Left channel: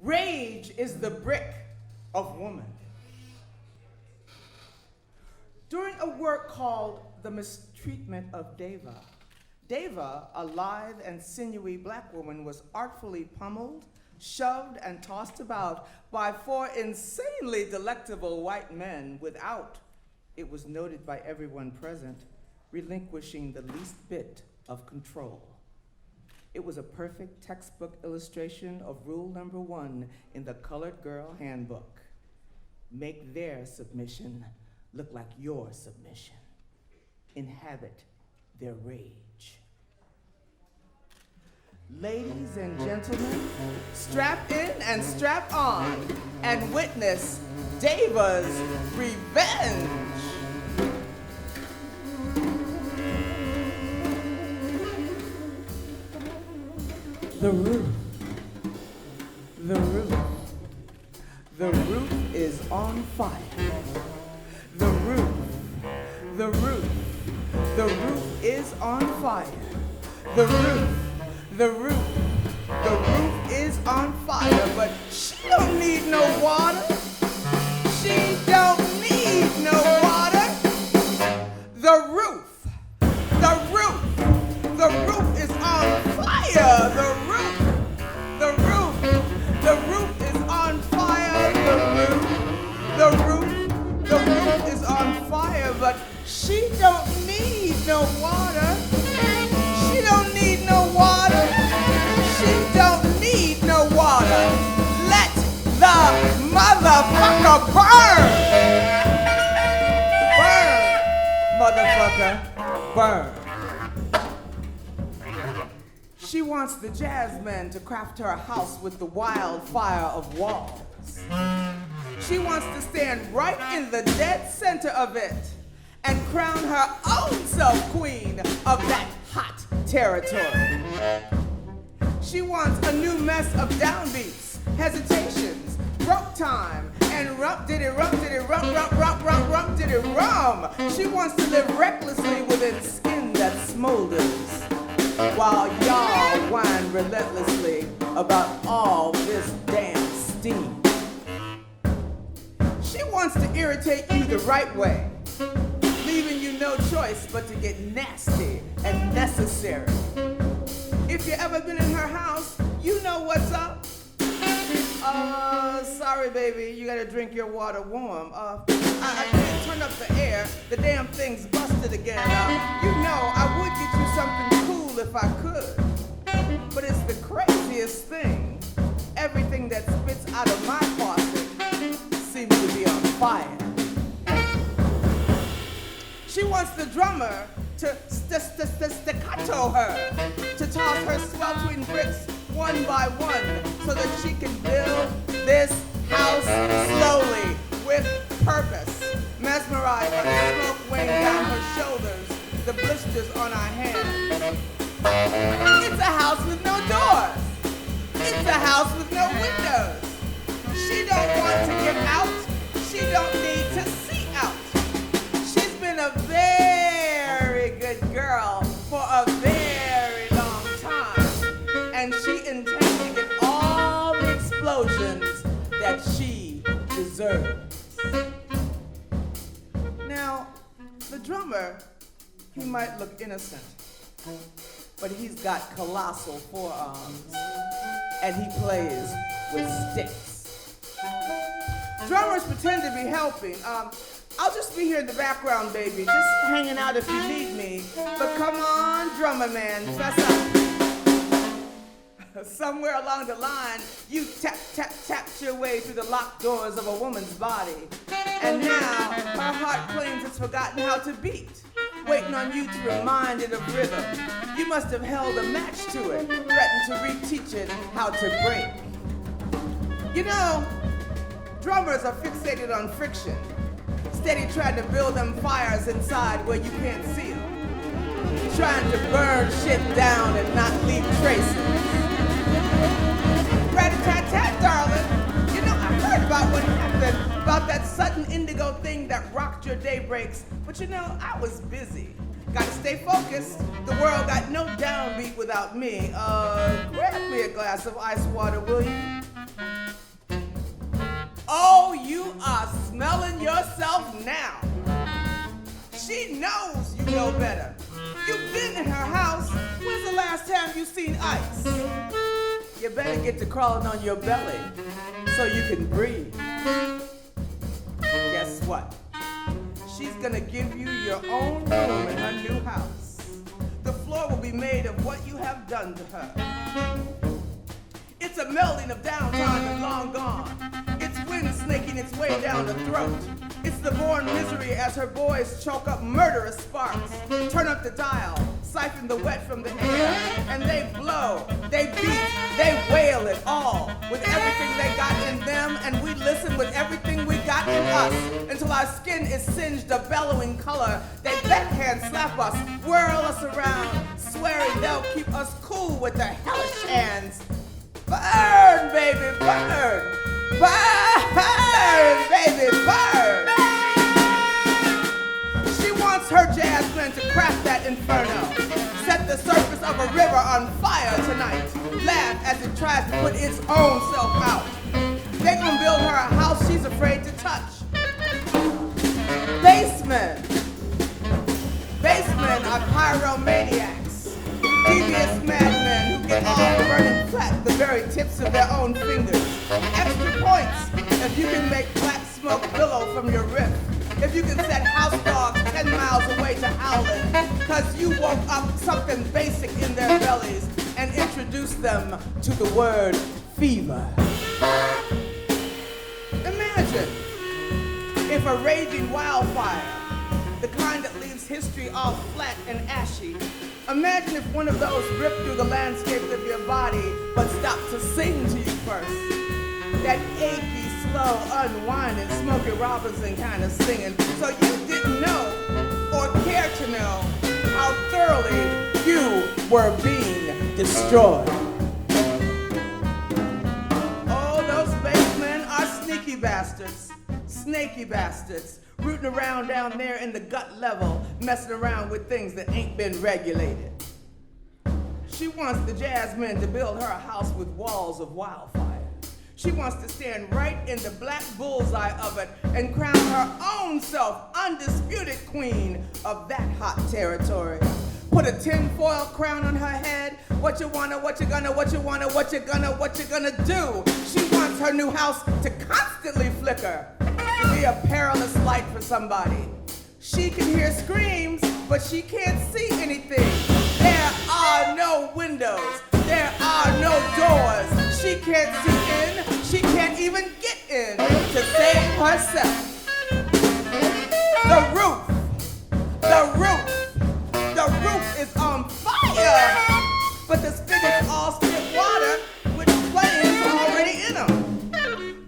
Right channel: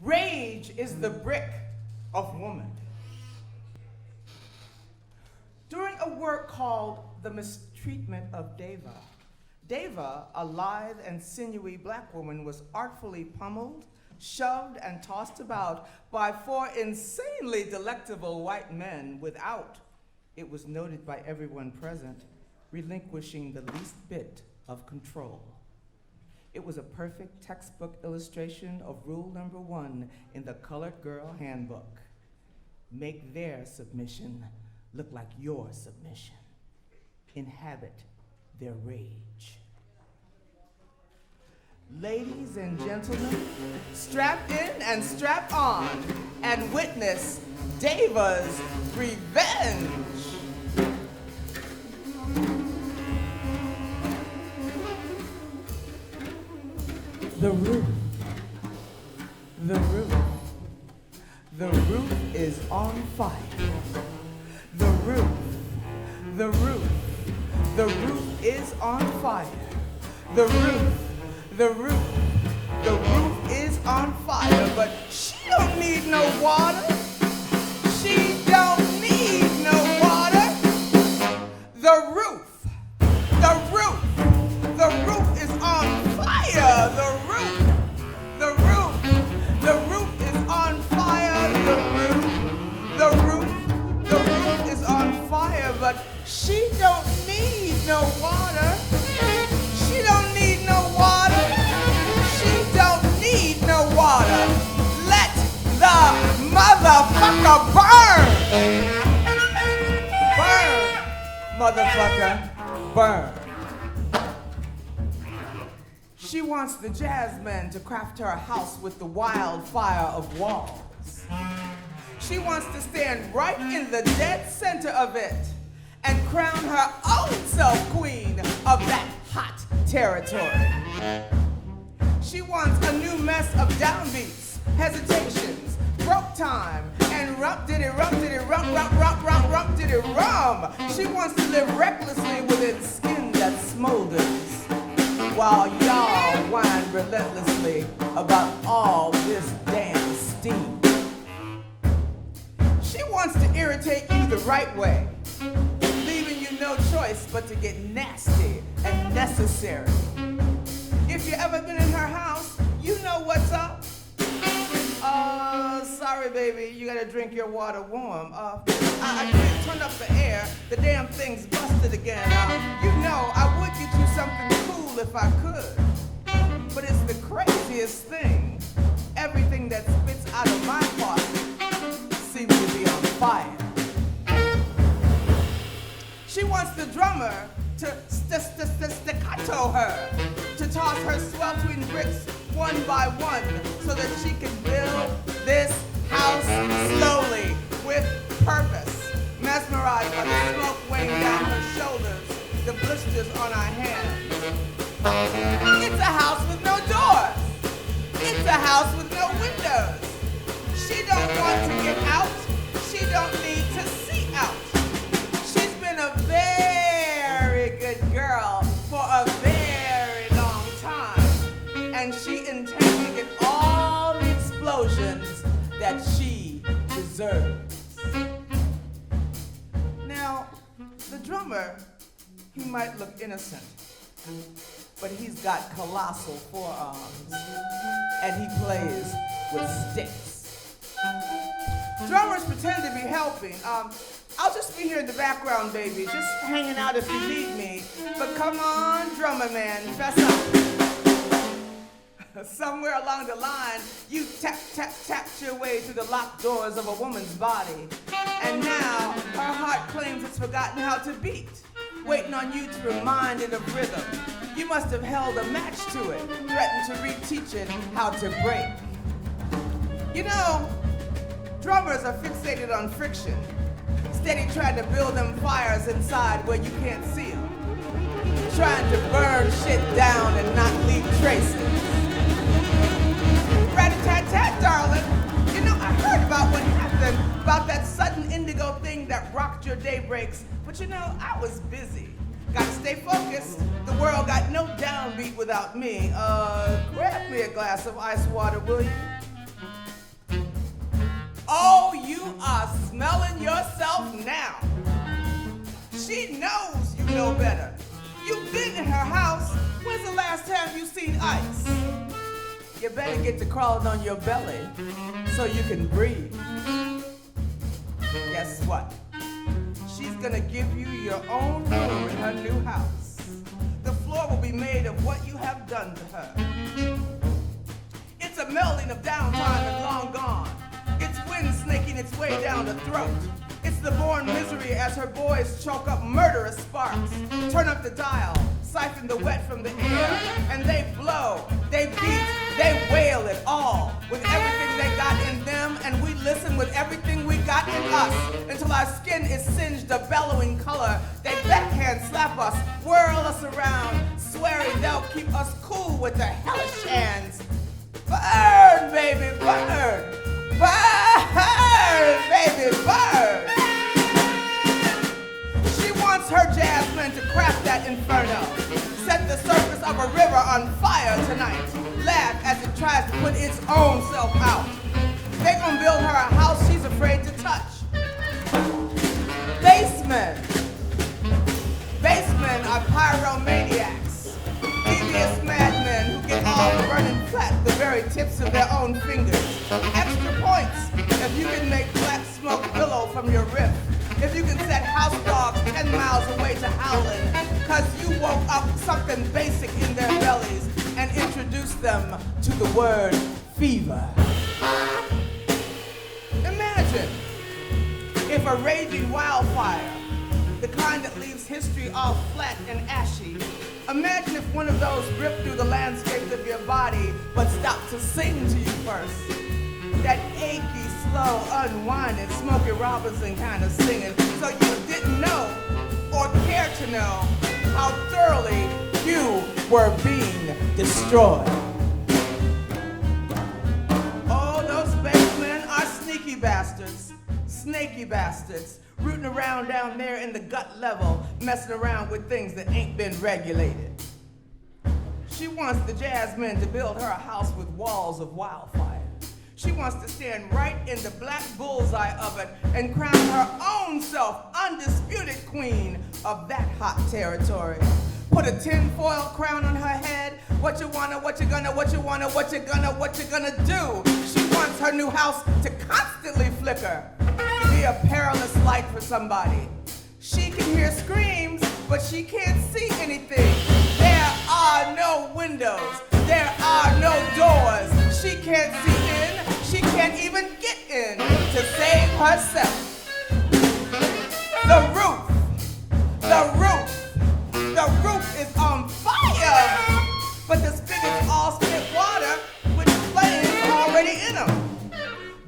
Rage is the brick of woman. During a work called The Mistreatment of Deva, a lithe and sinewy black woman, was artfully pummeled, shoved, and tossed about by 4 insanely delectable white men without, it was noted by everyone present, relinquishing the least bit of control. It was a perfect textbook illustration of rule number 1 in the Colored Girl Handbook. Make their submission look like your submission. Inhabit their rage. Ladies and gentlemen, strap in and strap on and witness Deva's revenge. The roof. The roof. The roof is on fire. The roof. The roof. The roof is on fire. The roof. The roof. The roof is on fire, but she don't need no water. She don't need no water. The roof. The roof. The roof is on fire. The roof. The roof. The roof is on fire. The roof. The roof. The roof is on fire, but she don't need no water. She don't need no water. She don't need no water. Let the motherfucker burn. Burn, motherfucker, burn. She wants the jazzmen to craft her a house with the wildfire of walls. She wants to stand right in the dead center of it and crown her own self queen of that hot territory. She wants a new mess of downbeats, hesitations, broke time, and rump diddy rump diddy rump rump rump rump rump diddy rum. She wants to live recklessly within skin that smolders, while y'all whine relentlessly about all this damn steam. She wants to irritate you the right way, leaving you no choice but to get nasty and necessary. If you ever been in her house, you know what's up. Sorry baby, you gotta drink your water warm. I can't turn up the air, the damn thing's busted again. You know, I would get you something cool if I could, but it's the craziest thing. Everything that spits out of my faucet seems to be on fire. She wants the drummer to staccato her, to toss her sweltering bricks one by one so that she can build this house slowly with purpose, mesmerized by the smoke weighing down her shoulders, the blisters on our hands. It's a house with no doors. It's a house with no windows. She don't want to get out. She don't need to see out. She's been a very good girl for a very long time, and she intends to get all the explosions that she deserves. Now, the drummer, he might look innocent, but he's got colossal forearms, and he plays with sticks. Drummers pretend to be helping. I'll just be here in the background, baby, just hanging out if you need me. But come on, drummer man, fess up. Somewhere along the line, you tapped your way through the locked doors of a woman's body. And now, her heart claims it's forgotten how to beat, waiting on you to remind it of rhythm. You must have held a match to it, threatened to reteach it how to break. You know, drummers are fixated on friction, steady trying to build them fires inside where you can't see them, trying to burn shit down and not leave traces. Rat-a-tat-tat, darling. You know, I heard about what happened, about that sudden indigo thing that rocked your daybreaks, but you know, I was busy. Gotta stay focused. The world got no downbeat without me. Grab me a glass of ice water, will you? Oh, you are smelling yourself now. She knows you know better. You've been in her house. When's the last time you seen ice? You better get to crawling on your belly so you can breathe. Guess what? She's gonna give you your own room in her new house. The floor will be made of what you have done to her. It's a melding of downtime and long gone. It's wind snaking its way down the throat. It's the born misery as her boys choke up murderous sparks. Turn up the dial, siphon the wet from the air, and they blow, they beat, they wail it all with everything they got in them, and we listen with everything we got in us until our skin is singed a bellowing color. They backhand slap us, whirl us around, swearing they'll keep us cool with their hellish hands. Burn, baby, burn! Burn, baby, burn! She wants her Jasmine to craft that inferno. Set the surface of a river on fire tonight. Laugh as it tries to put its own self out. They're gonna build her a house she's afraid to touch. Basemen. Basemen are pyromaniacs. Devious madmen who get off burning flat the very tips of their own fingers. Extra points if you can make black smoke billow from your rip. If you can set house dogs 10 miles away to howling, cause you woke up something basic in their bellies and introduced them to the word fever. Imagine if a raging wildfire, the kind that leaves history all flat and ashy. Imagine if one of those ripped through the landscapes of your body, but stopped to sing to you first. That achy, slow, unwinding, Smokey Robinson kind of singing. So you didn't know or care to know how thoroughly you were being destroyed. Oh, those basemen are sneaky bastards, snaky bastards, rooting around down there in the gut level, messing around with things that ain't been regulated. She wants the Jasmine to build her a house with walls of wildfire. She wants to stand right in the black bullseye of it and crown her own self undisputed queen of that hot territory. Put a tinfoil crown on her head. What you wanna, what you gonna, what you wanna, what you gonna do. She wants her new house to constantly flicker, to be a perilous light for somebody. She can hear screams, but she can't see anything. There are no windows. There are no doors. She can't see in. She can't even get in to save herself. The roof is on fire. But the spigots all spit water with flames already in them.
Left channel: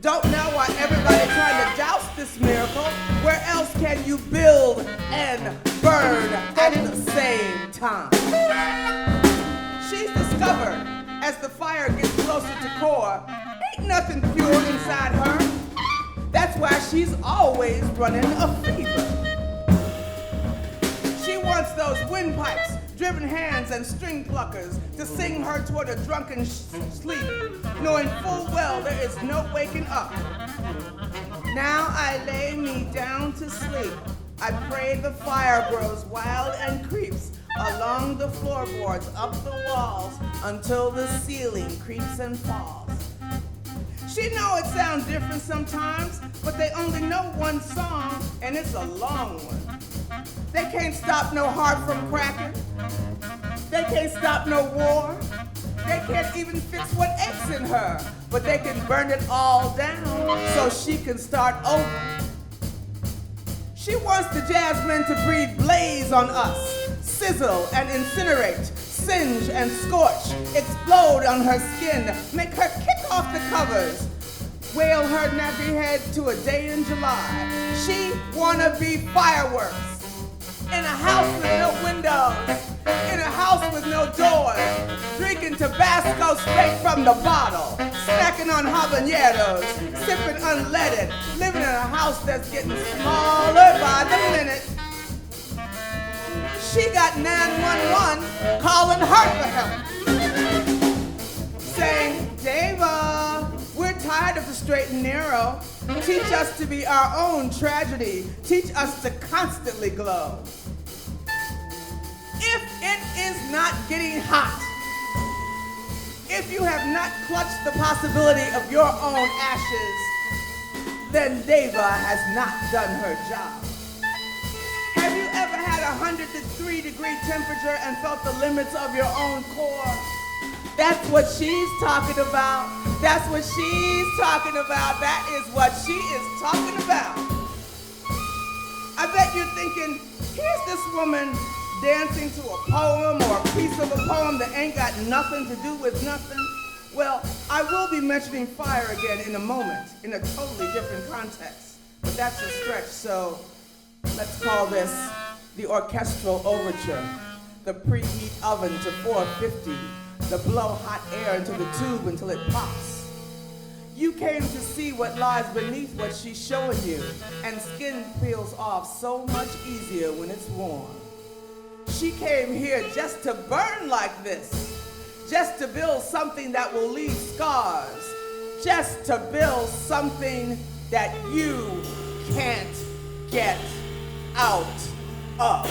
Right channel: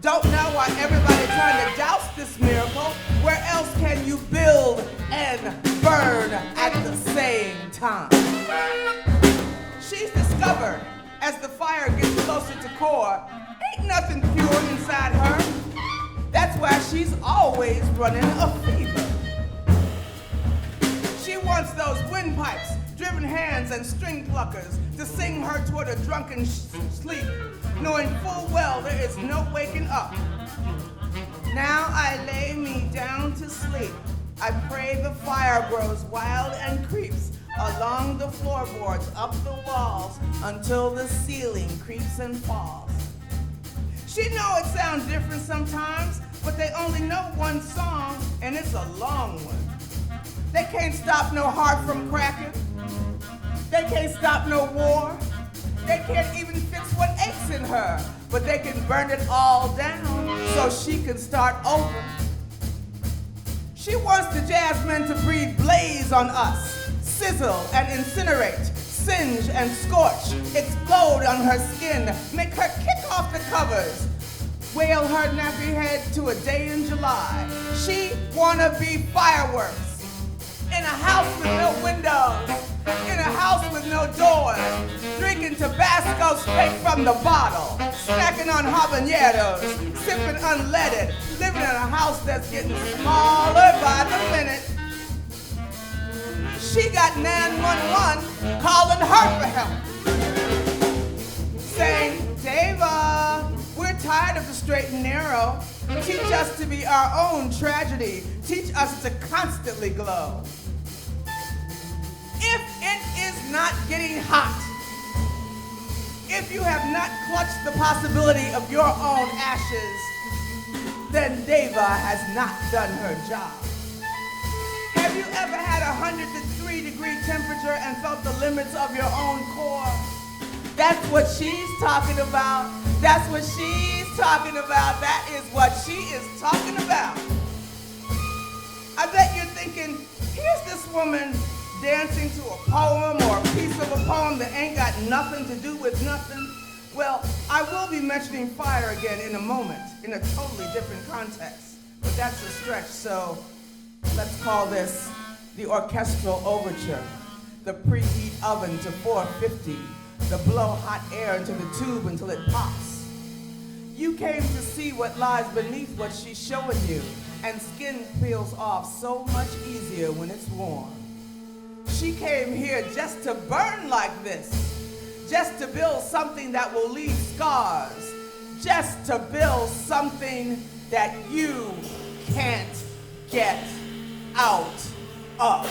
Don't know why everybody trying to douse this miracle. Where else can you build and burn at the same time? She's discovered as the fire gets closer to core, ain't nothing pure inside her. That's why she's always running a fever. She wants those windpipes, driven hands and string pluckers to sing her toward a drunken sleep, knowing full well there is no waking up. Now I lay me down to sleep. I pray the fire grows wild and creeps along the floorboards, up the walls, until the ceiling creeps and falls. She know it sounds different sometimes, but they only know one song, and it's a long one. They can't stop no heart from cracking. They can't stop no war. They can't even fix what aches in her, but they can burn it all down so she can start over. She wants the Jasmine to breathe blaze on us, sizzle and incinerate, singe and scorch, explode on her skin, make her kick off the covers, wail her nappy head to a day in July. She wanna be fireworks. In a house with no windows, in a house with no doors, drinking Tabasco straight from the bottle, snacking on habaneros, sipping unleaded, living in a house that's getting smaller by the minute. She got 911 calling her for help, saying, Dava, we're tired of the straight and narrow. Teach us to be our own tragedy. Teach us to constantly glow. If it is not getting hot, if you have not clutched the possibility of your own ashes, then Deva has not done her job. Have you ever had 103-degree temperature and felt the limits of your own core? That's what she's talking about. That's what she's talking about. That is what she is talking about. I bet you're thinking, here's this woman dancing to a poem or a piece of a poem that ain't got nothing to do with nothing. Well, I will be mentioning fire again in a moment, in a totally different context. But that's a stretch, so let's call this the orchestral overture, the preheat oven to 450, the blow hot air into the tube until it pops. You came to see what lies beneath what she's showing you, and skin peels off so much easier when it's warm. She came here just to burn like this, just to build something that will leave scars, just to build something that you can't get out of.